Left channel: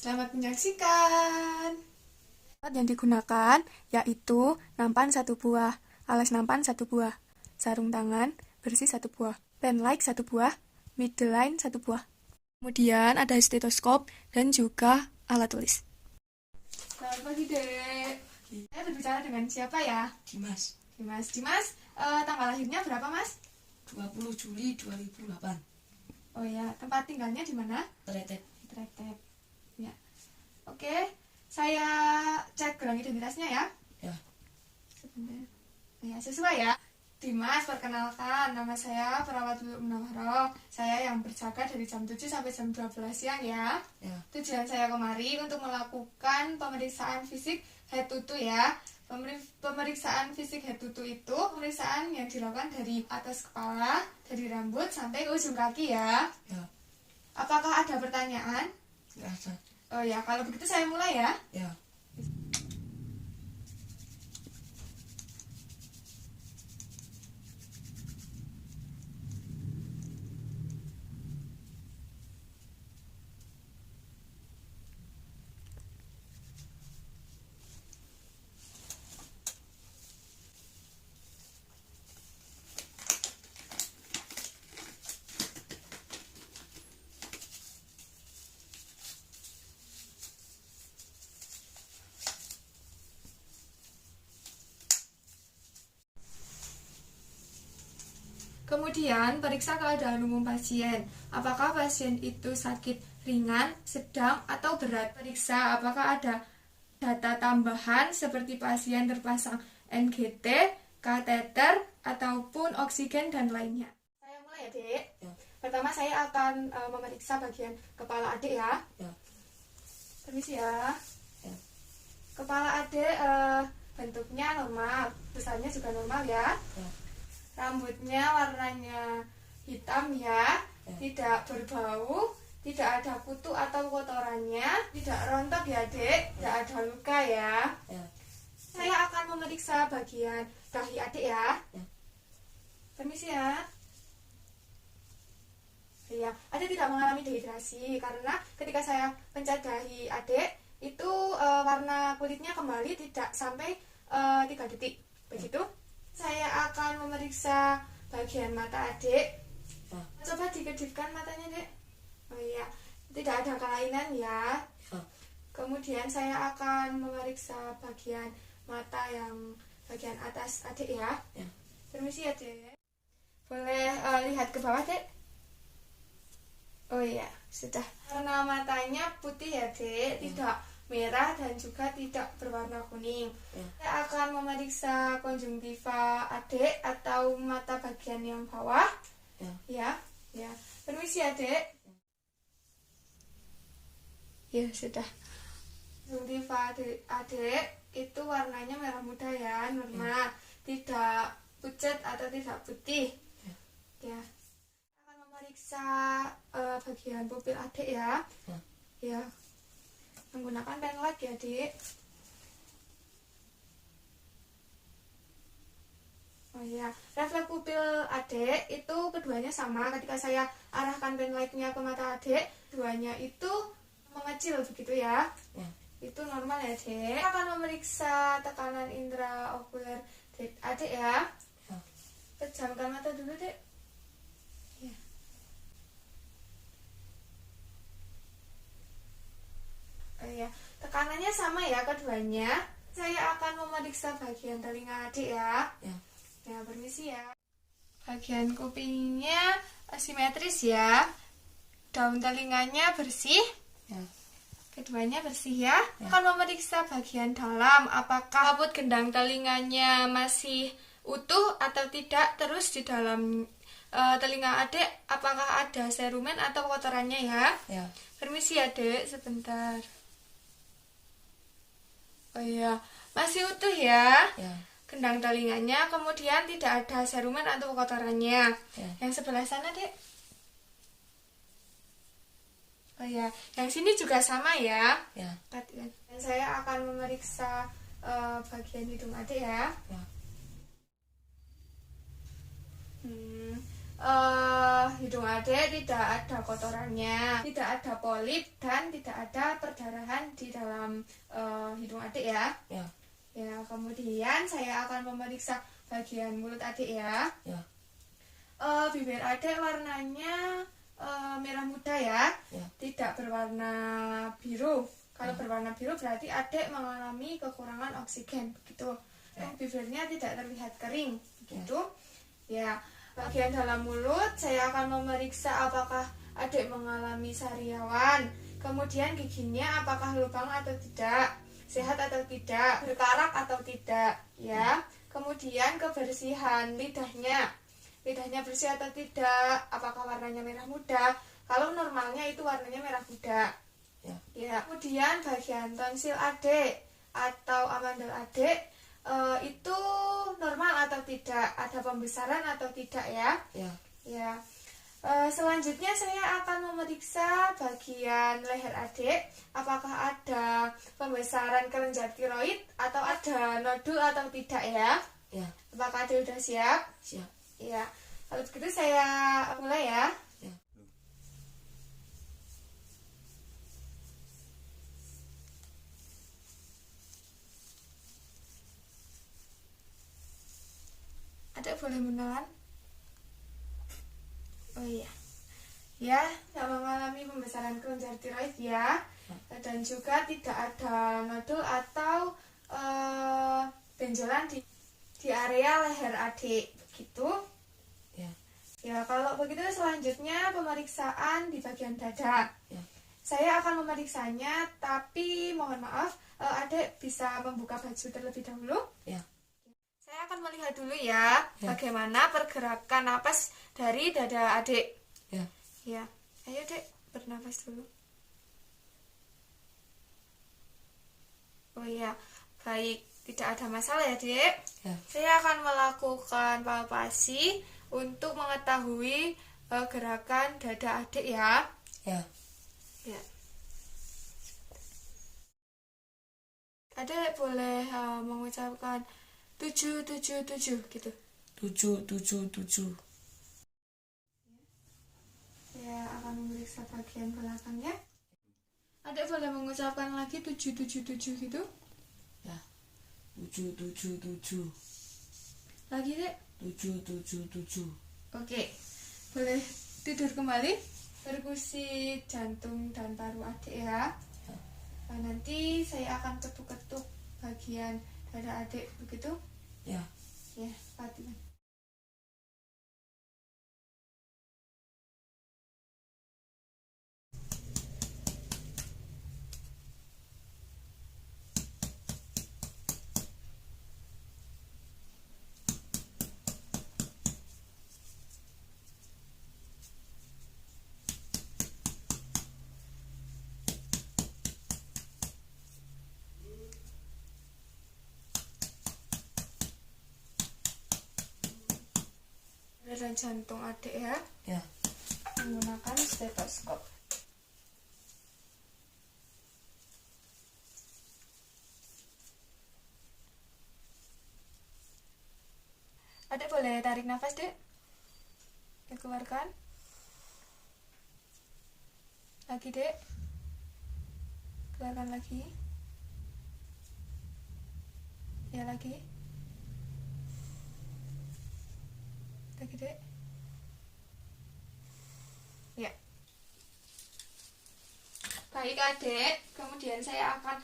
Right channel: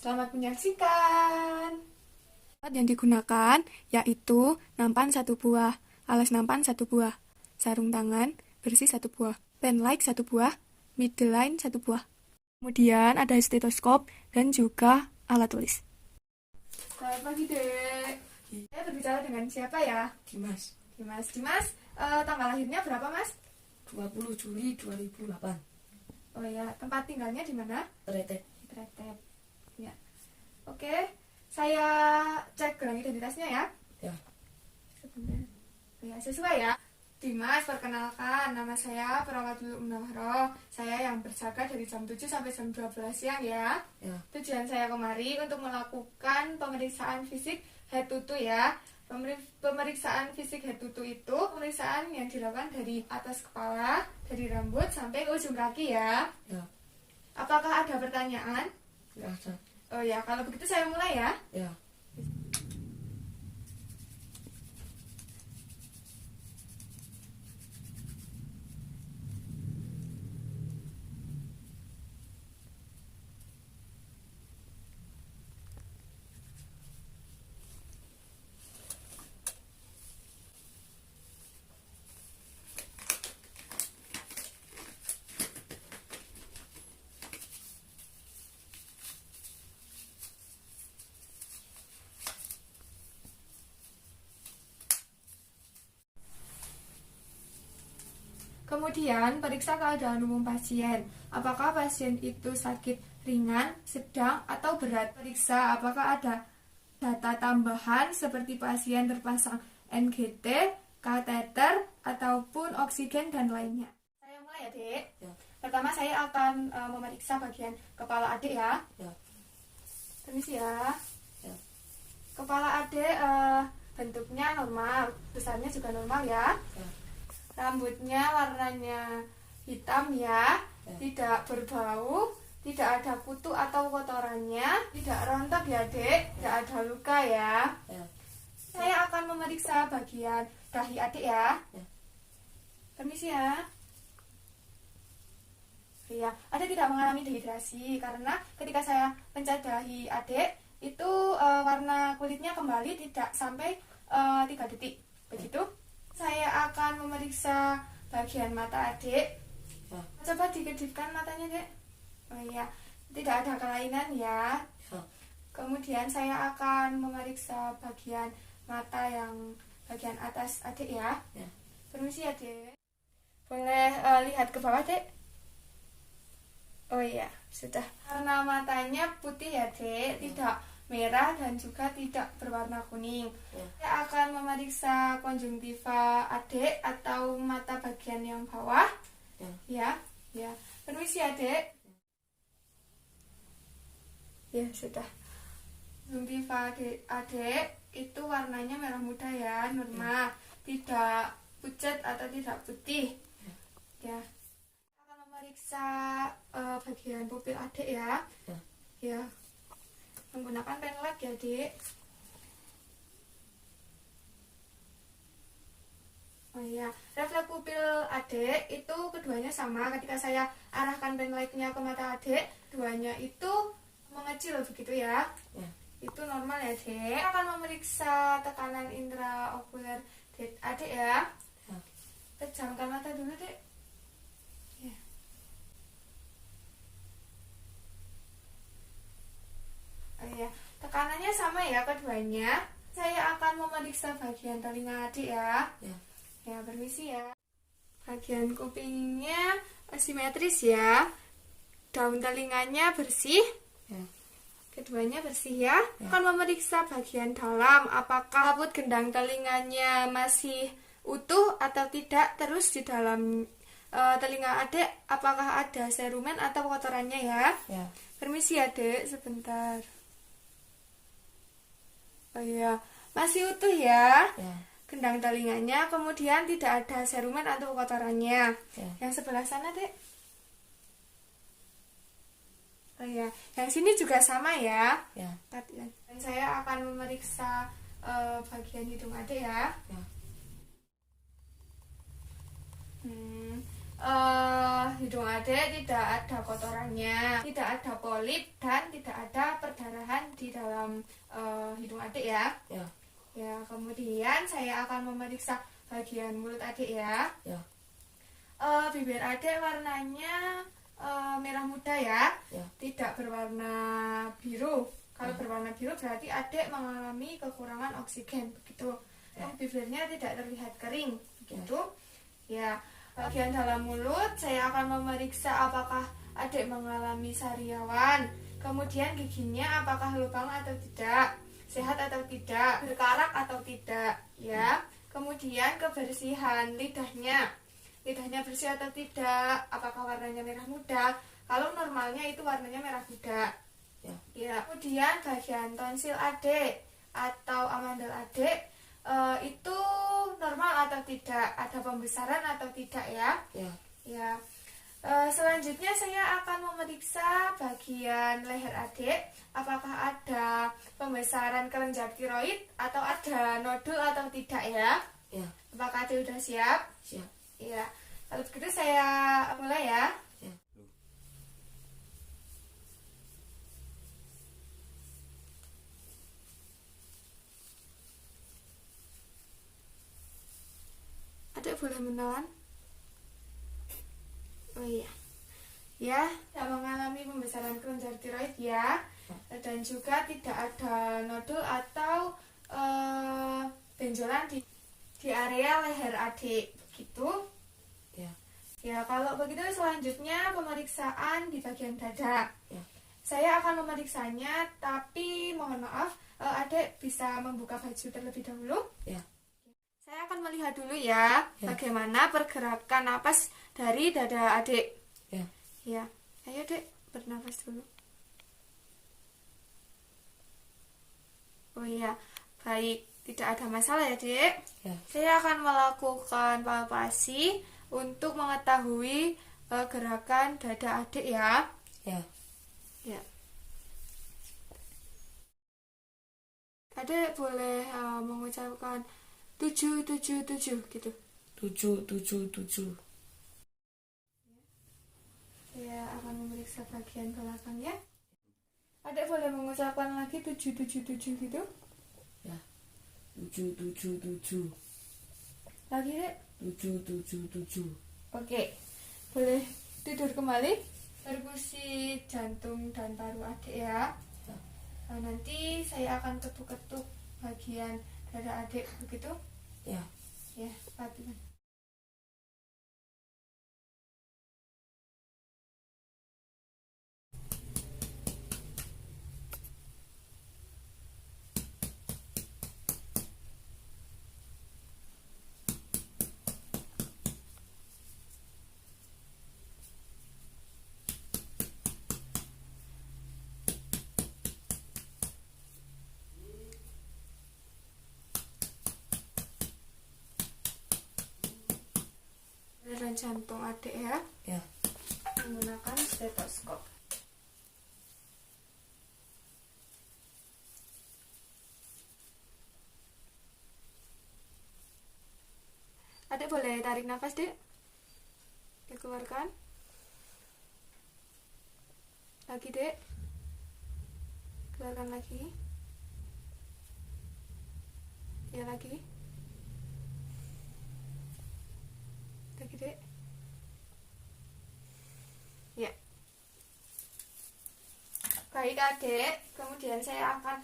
Selamat menyaksikan. Alat yang digunakan yaitu nampan 1 buah, alas nampan 1 buah, sarung tangan bersih 1 buah, pen light 1 buah, middle line 1 buah. Kemudian ada stetoskop dan juga alat tulis. Selamat pagi, Dek. Saya berbicara dengan siapa ya? Dimas. Dimas, tanggal lahirnya berapa, Mas? 20 Juli 2008. Oh ya, tempat tinggalnya di mana? Tretek. Tretek. Ya. Oke, saya cek gelang identitasnya ya. Ya. Sebentar. Ya, sesuai ya. Dimas, perkenalkan, nama saya Perawat Munawwaroh. Saya yang berjaga dari jam 7 sampai jam 12 siang ya. Ya. Tujuan saya kemari untuk melakukan pemeriksaan fisik head to toe ya. Pemeriksaan fisik head to toe itu pemeriksaan yang dilakukan dari atas kepala, dari rambut sampai ke ujung kaki ya. Ya. Apakah ada pertanyaan? Ya. Oh ya, kalau begitu saya mulai ya. Ya. Kemudian periksa keadaan umum pasien. Apakah pasien itu sakit ringan, sedang, atau berat? Periksa apakah ada data tambahan seperti pasien terpasang NGT, kateter, ataupun oksigen dan lainnya. Saya mulai ya, Dek. Ya. Pertama saya akan memeriksa bagian kepala adik ya. Ya. Permisi ya. Ya. Kepala adik bentuknya normal, besarnya juga normal ya. Ya. Rambutnya warnanya hitam ya, tidak berbau, tidak ada kutu atau kotorannya, tidak rontok ya, Dek, tidak ada luka ya. Ya. Saya akan memeriksa bagian dahi adik ya. Ya. Permisi ya. Iya, adik tidak mengalami dehidrasi karena ketika saya pencet dahi adik itu warna kulitnya kembali tidak sampai 3 detik. Begitu. Saya akan memeriksa bagian mata adik. Ya. Coba dikedipkan matanya, Dek. Oh iya, tidak ada kelainan ya. Ya. Kemudian saya akan memeriksa bagian mata yang bagian atas adik ya. Ya. Permisi ya, Dek. Boleh lihat ke bawah, Dek? Oh iya, sudah. Warna matanya putih ya, Dek, tidak merah dan juga tidak berwarna kuning. Ya. Saya akan memeriksa konjungtiva adik atau mata bagian yang bawah. Ya. Ya. Permisi adik. Ya, sudah. Konjungtiva adik itu warnanya merah muda ya, normal. Tidak pucat atau tidak putih. Ya. Saya akan memeriksa bagian pupil adik ya. Ya. Menggunakan pen light ya, Dik. Oh iya, refleks pupil adik itu keduanya sama. Ketika saya arahkan pen lightnya ke mata adik, keduanya itu mengecil begitu ya. Ya. Itu normal ya, Dek. Saya akan memeriksa tekanan intraokuler adik ya. Ya. Pejamkan mata dulu, Dek. Ya. Oh iya, tekanannya sama ya keduanya. Saya akan memeriksa bagian telinga adik ya. Ya. Ya, permisi ya. Bagian kupingnya simetris ya. Daun telinganya bersih. Ya. Keduanya bersih ya. Ya. Akan memeriksa bagian dalam. Apakah kabut gendang telinganya masih utuh atau tidak. Terus di dalam telinga adik apakah ada serumen atau kotorannya ya. Ya. Permisi ya, Dek, sebentar. Oh iya, masih utuh ya. Ya. Gendang telinganya, kemudian tidak ada serumen atau kotorannya. Ya. Yang sebelah sana, Dek. Oh iya, yang sini juga sama ya. Ya. Dan saya akan memeriksa bagian hidung adik ya. Ya. Hidung adik tidak ada kotorannya, tidak ada polip dan tidak ada perdarahan. dalam hidung adik ya. Ya. Ya, kemudian saya akan memeriksa bagian mulut adik ya. Ya. Bibir adik warnanya merah muda ya, Ya. tidak berwarna biru. Kalau berwarna biru berarti adik mengalami kekurangan oksigen, begitu. Bibirnya tidak terlihat kering, begitu. Ya. Bagian dalam mulut saya akan memeriksa apakah adik mengalami sariawan. Kemudian giginya apakah lubang atau tidak, sehat atau tidak, berkarak atau tidak, ya. Kemudian kebersihan lidahnya bersih atau tidak, apakah warnanya merah muda. Kalau normalnya itu warnanya merah muda. Ya. Kemudian bagian tonsil adik atau amandel adik itu normal atau tidak, ada pembesaran atau tidak ya. Ya. Selanjutnya saya akan memeriksa bagian leher adik, apakah ada pembesaran kelenjar tiroid atau ada nodul atau tidak ya. Apakah adik sudah siap? Siap. Ya, kalau begitu saya mulai ya. Adik boleh menahan? Oh iya. Ya, tidak mengalami pembesaran kelenjar tiroid ya. Dan juga tidak ada nodul atau benjolan di area leher adik, begitu. Ya, kalau begitu selanjutnya pemeriksaan di bagian dada. Saya akan memeriksanya, tapi mohon maaf, adik bisa membuka baju terlebih dahulu. Saya akan melihat dulu ya, bagaimana pergerakan napas dari dada adik. Ya, ayo dek, bernafas dulu. Oh iya, baik, tidak ada masalah ya dek. Saya akan melakukan palpasi untuk mengetahui gerakan dada adik ya. Adik boleh mengucapkan 777 gitu. 777. Saya akan memeriksa bagian belakangnya. Adik boleh mengucapkan lagi 777 gitu. 777. Lagi dek. 777. Oke, boleh tidur kembali. Perkusi jantung dan paru adik ya. Nanti saya akan ketuk-ketuk bagian dada adik, begitu? Ya, Fatimah. Dan jantung adik ya. Menggunakan stetoskop. Adik boleh tarik nafas dek. Dikeluarkan. Lagi dek. Keluarkan lagi. Ya lagi. Lagi dek. Ya. Baik adik, kemudian saya akan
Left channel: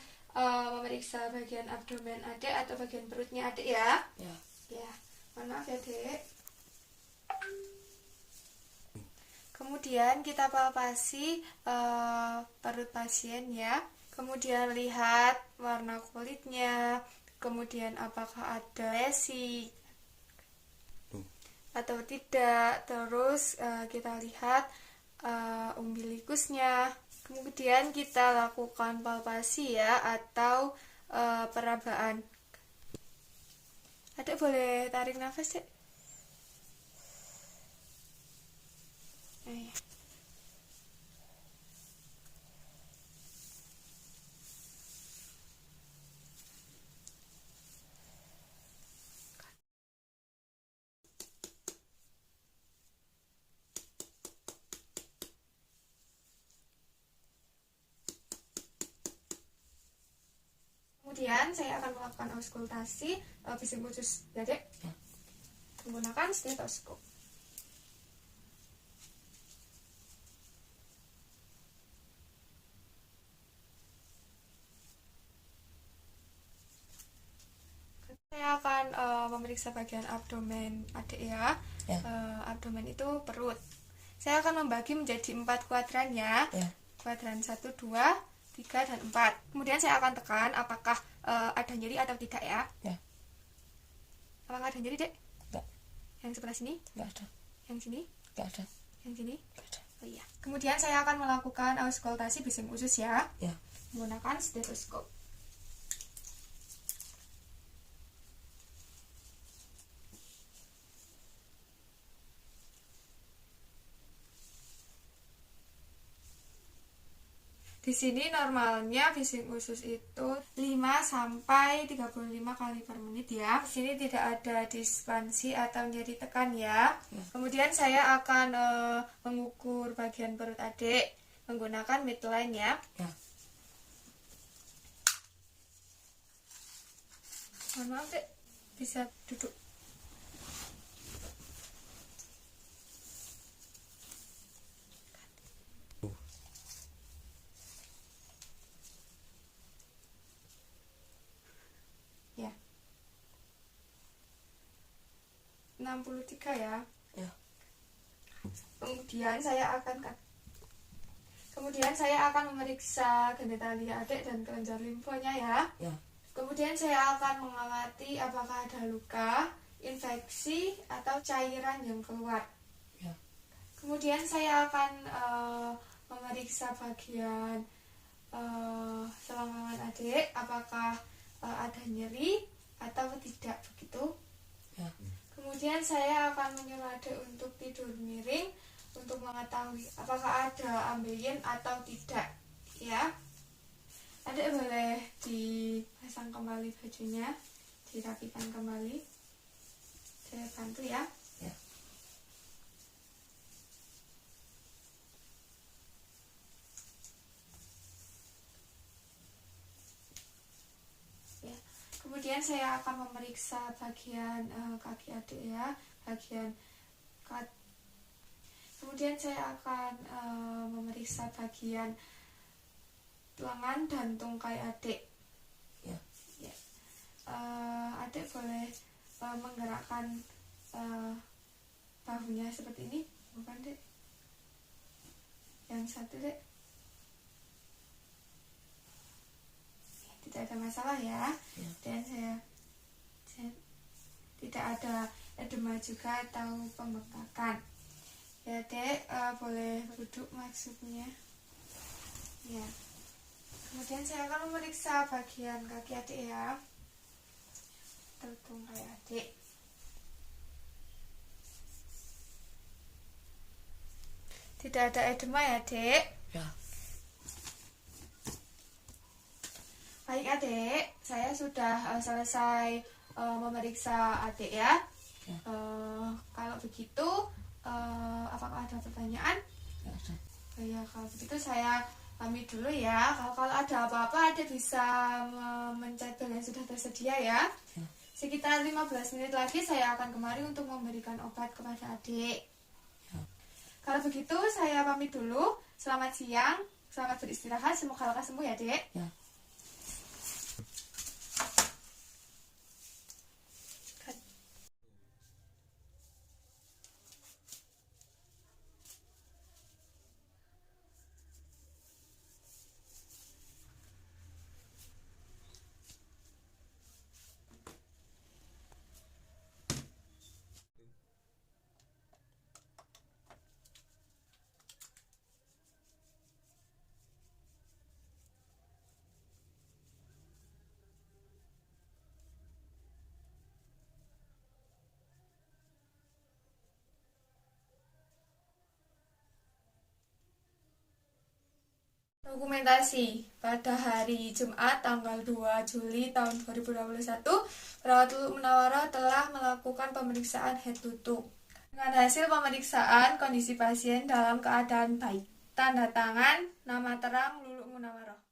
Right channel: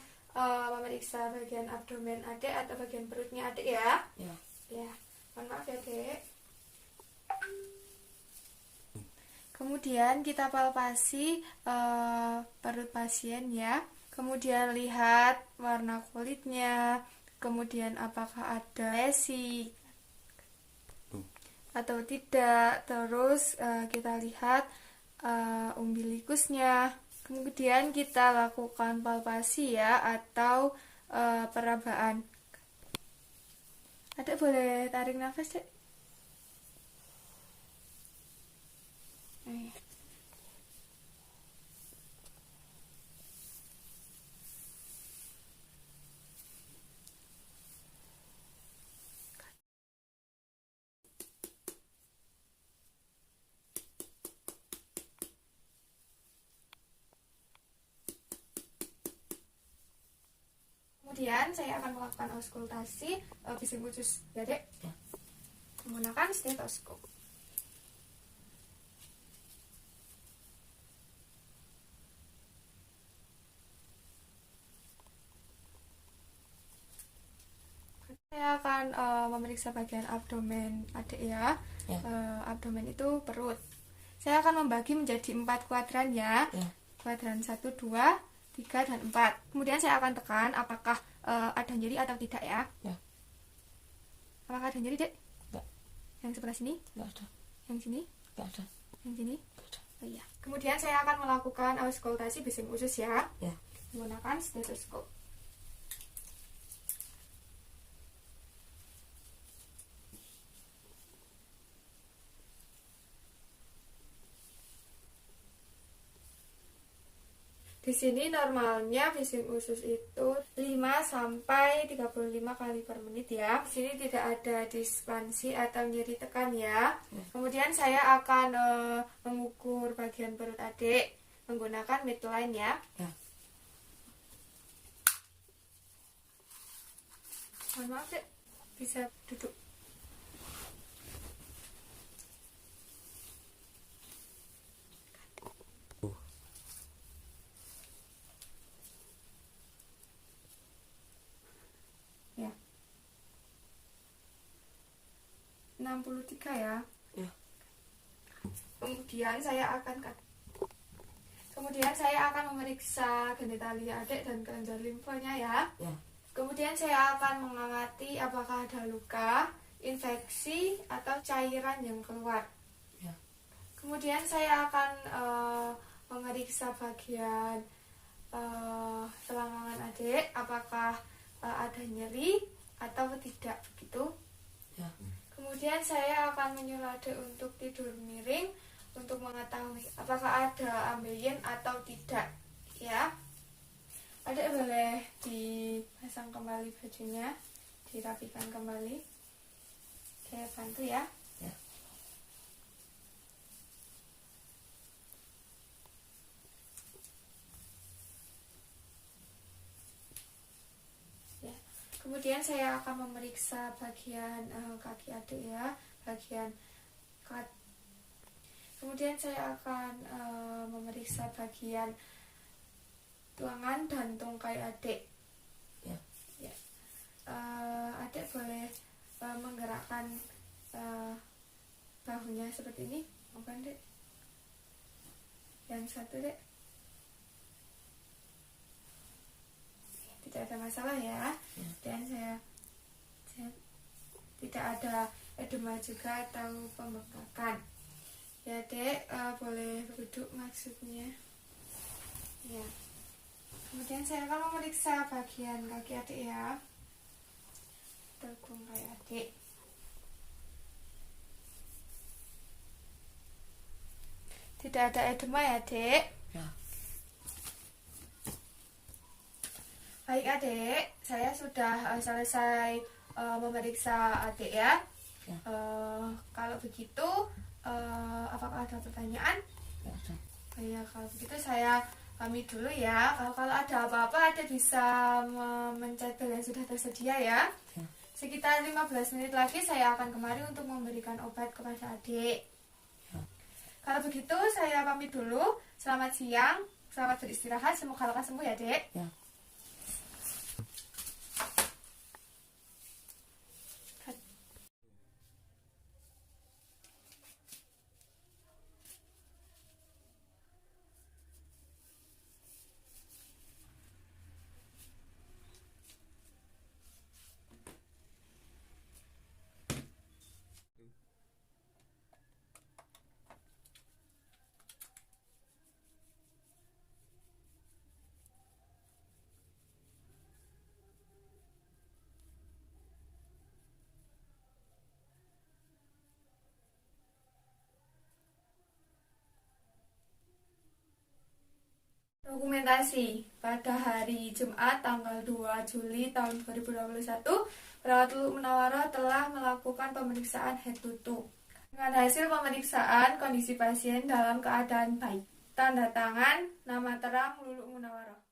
memeriksa bagian abdomen adik atau bagian perutnya adik ya. Ya, mohon maaf ya dek. Kemudian kita palpasi perut pasien ya. Kemudian lihat warna kulitnya. Kemudian apakah ada lesi atau tidak. Terus kita lihat umbilikusnya. Kemudian kita lakukan palpasi ya, atau perabaan. Adik boleh tarik nafas dek. Kemudian saya akan melakukan auskultasi bising usus ya dek, menggunakan stetoskop. Saya akan memeriksa bagian abdomen adik ya. Abdomen itu perut. Saya akan membagi menjadi 4 kuadran ya. Kuadran 1, 2, 3, dan 4. Kemudian saya akan tekan apakah ada nyeri atau tidak ya. Apakah ada nyeri dek? Enggak. Yang sebelah sini? Enggak ada. Yang sini? Enggak ada. Yang sini? Enggak ada. Oh iya. Kemudian saya akan melakukan auskultasi bising usus ya. Menggunakan stetoskop. Di sini normalnya bising usus itu 5 sampai 35 kali per menit ya. Di sini tidak ada dispansi atau nyeri tekan ya. Kemudian saya akan mengukur bagian perut adik menggunakan midline ya. Mohon maaf dek, bisa duduk. Ya. 63 ya. Kemudian saya akan memeriksa genitalia adik dan kelenjar limfanya ya. Kemudian saya akan mengamati apakah ada luka, infeksi, atau cairan yang keluar. Kemudian saya akan memeriksa bagian selangkangan adik, apakah ada nyeri atau tidak begitu. Kemudian saya akan menyuruh adik untuk tidur miring untuk mengetahui apakah ada ambeien atau tidak ya. Adik boleh dipasang kembali bajunya, dirapikan kembali. Saya bantu ya. Kemudian saya akan memeriksa bagian kaki adik ya, bagian kemudian saya akan memeriksa bagian lengan dan tungkai adik. Adik boleh menggerakkan bahunya seperti ini, bukan dek? Yang satu dek. Tidak ada masalah ya. Dan saya tidak ada edema juga atau pembengkakan ya dek. Boleh duduk maksudnya ya. Kemudian saya akan memeriksa bagian kaki adik ya, tungkai adik. Tidak ada edema ya dek. Baik adik, saya sudah selesai memeriksa adik ya. Kalau begitu, apakah ada pertanyaan? Ya, kalau begitu saya pamit dulu ya. Kalau ada apa-apa, adik bisa mencet bel yang sudah tersedia ya. Sekitar 15 menit lagi saya akan kemari untuk memberikan obat kepada adik. Kalau begitu, saya pamit dulu. Selamat siang, selamat beristirahat. Semoga lekas sembuh ya dek. Dokumentasi pada hari Jumat tanggal 2 Juli tahun 2021, perawat Lulu Munawwaroh telah melakukan pemeriksaan head to toe. Dengan hasil pemeriksaan, kondisi pasien dalam keadaan baik. Tanda tangan, nama terang Lulu Munawwaroh.